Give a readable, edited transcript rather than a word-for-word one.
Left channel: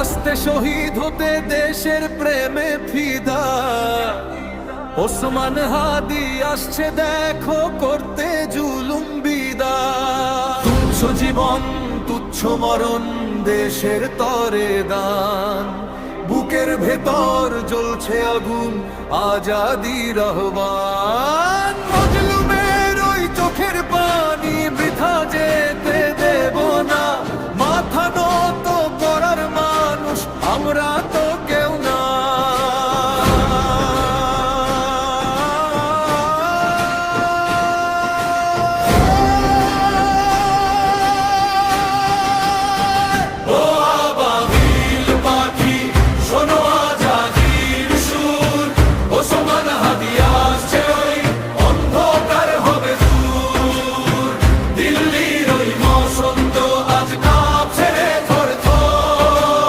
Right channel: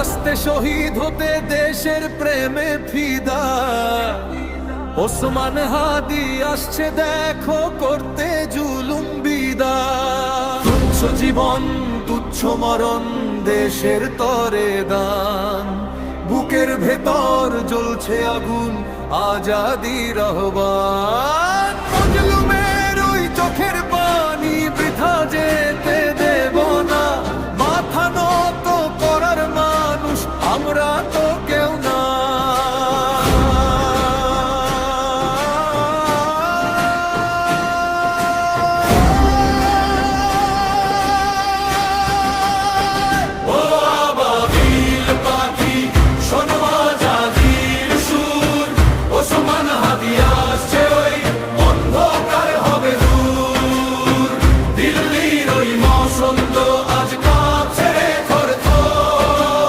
আস্তে শহীদ হতে দেশের প্রেমে ফিদা। ওসমান হাদি আসছে দেখো করতে জুলুম বিদায়। তুচ্ছ জীবন তুচ্ছ মরণ দেশের তরে দান, বুকের ভেতর জ্বলছে আগুন আজাদির আহ্বান। মজলুমের ওই চোখের পানি বৃথা যেতে দেব না, মাথা নত করার মানুষ আমরা তো